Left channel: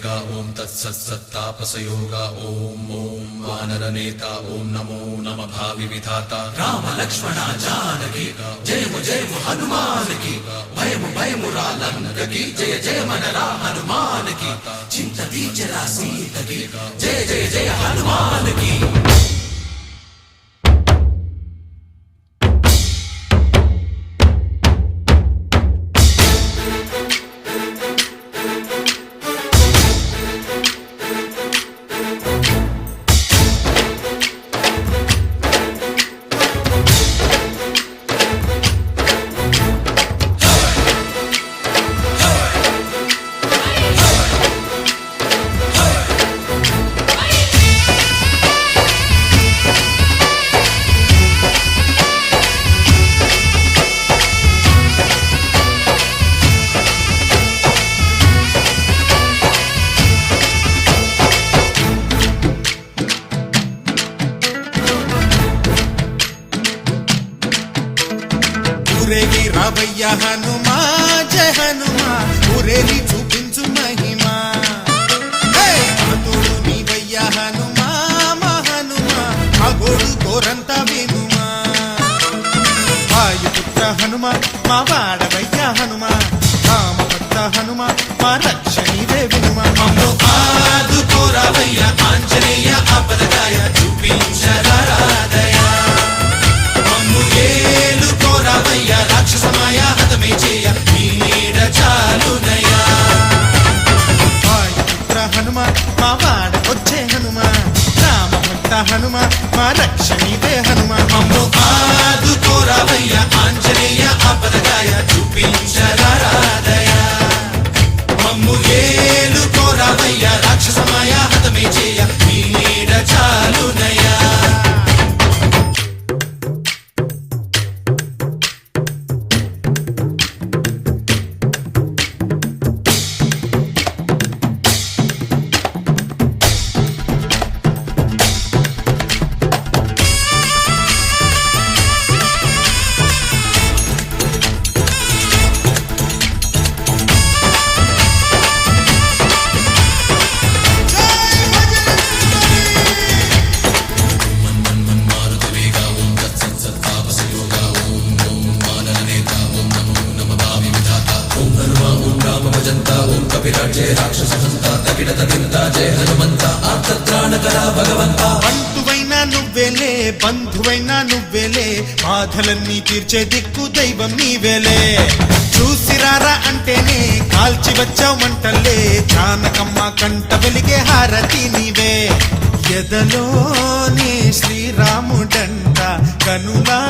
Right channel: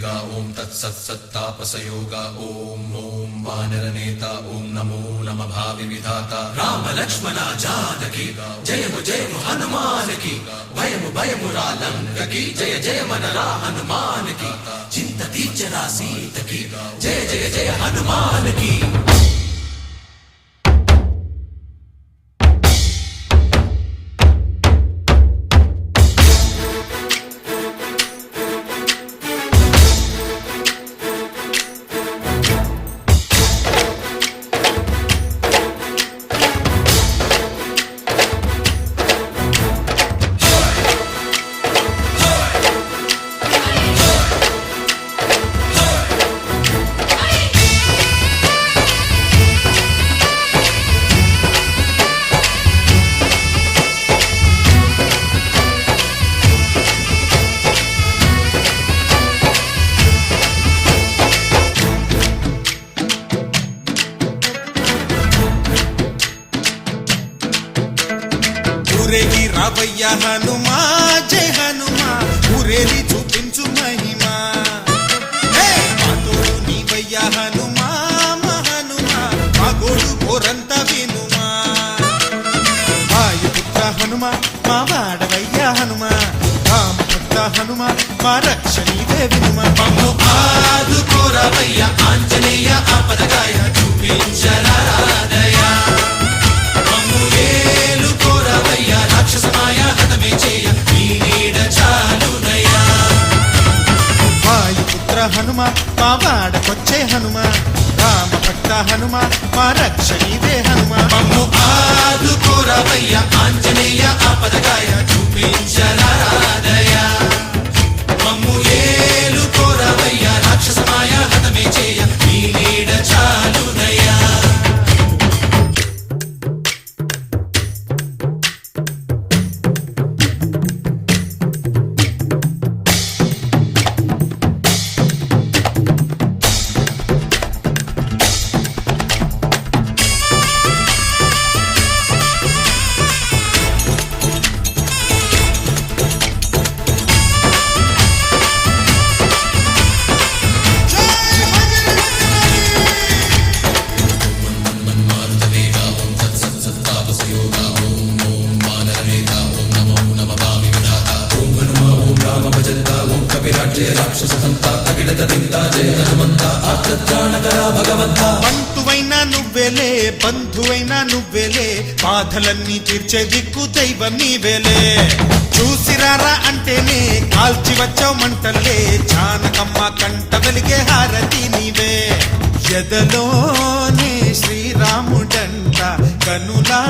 వేగా ఓం తత్సత్సత్తాపసయోగా ఓం ఓం వానరనేత ఓం నమో నమ భావి విధాత రామ లక్ష్మణ జానకి జయము జయము హనుమానికి భయము భయము రాలంకకి జయ జయ మనరా హనుమానికి చింత తీర్చరా సీతకి జయ ఊరేగి రావయ్య హనుమా జయ హనుమా. ఊరేగి మా వాడకొచ్చే హనుమా రామభక్త హనుమా మా రక్షణివే హనుమా మమ్ము ఆదుకోరావయ్య ఆంజనేయ బాధలన్నీ తీర్చే దిక్కు దైవం నీవెలే చూసిరారా అంటేనే కాల్చి వచ్చావు మంటల్లే జానకమ్మ కంట వెలిగే హారతి నీవే. ఎదలోనే శ్రీరాముడంట కనులా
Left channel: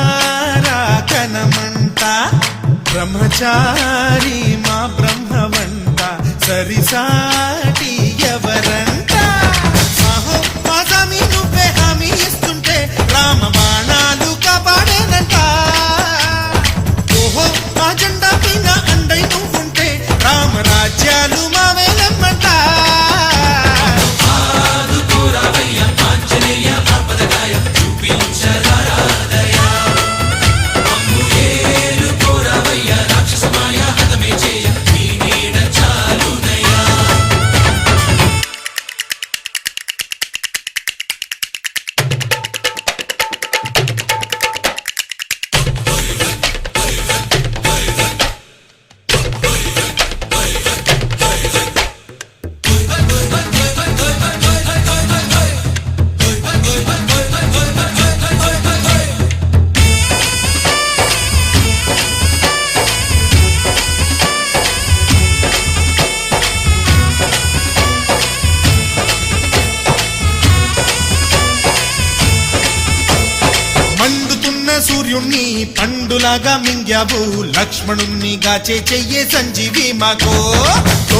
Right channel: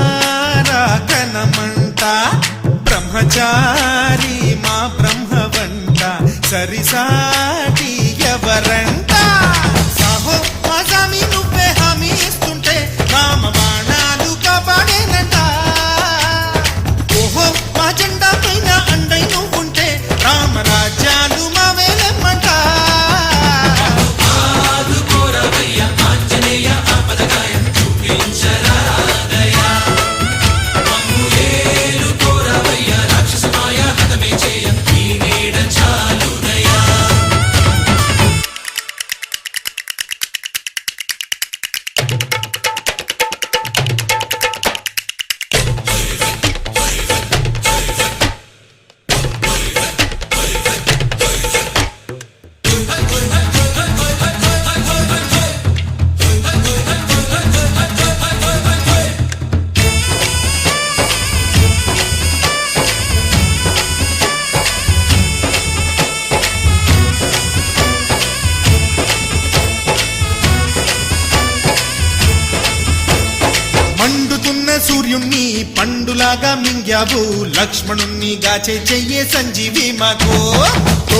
పండులాగా మింగావు లక్ష్మణుణ్ణి గాచే చెయ్యే సంజీవి మాకు.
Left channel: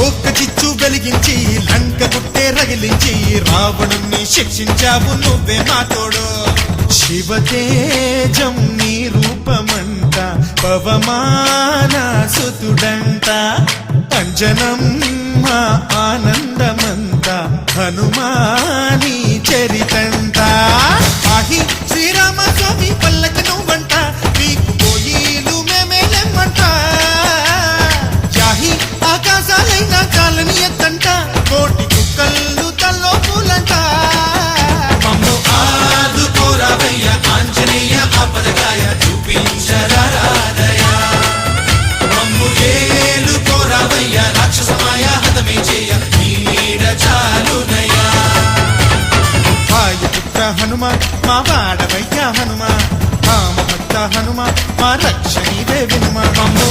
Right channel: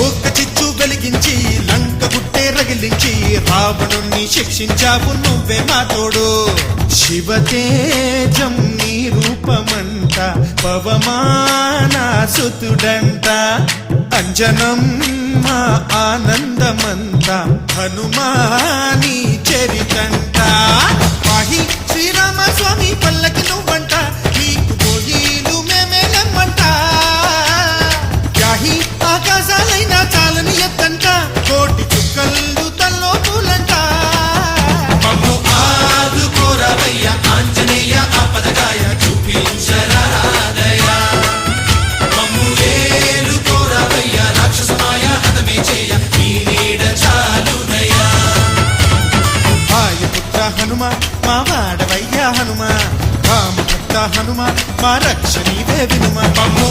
ఒక్క చిచ్చు కలిగించి లంక పుట్టే రగిలించి రావణుణ్ణి శిక్షించావు నువ్వే మా తోడు. శివతేజం నీ రూపమంట పవమాన సుతుడంట. అంజనం మా ఆనందమంత హనుమా హనుమ మా వాడవయ్య హనుమ. మా హనుమ మా రక్ష ఇవే వినుమ అమ్మ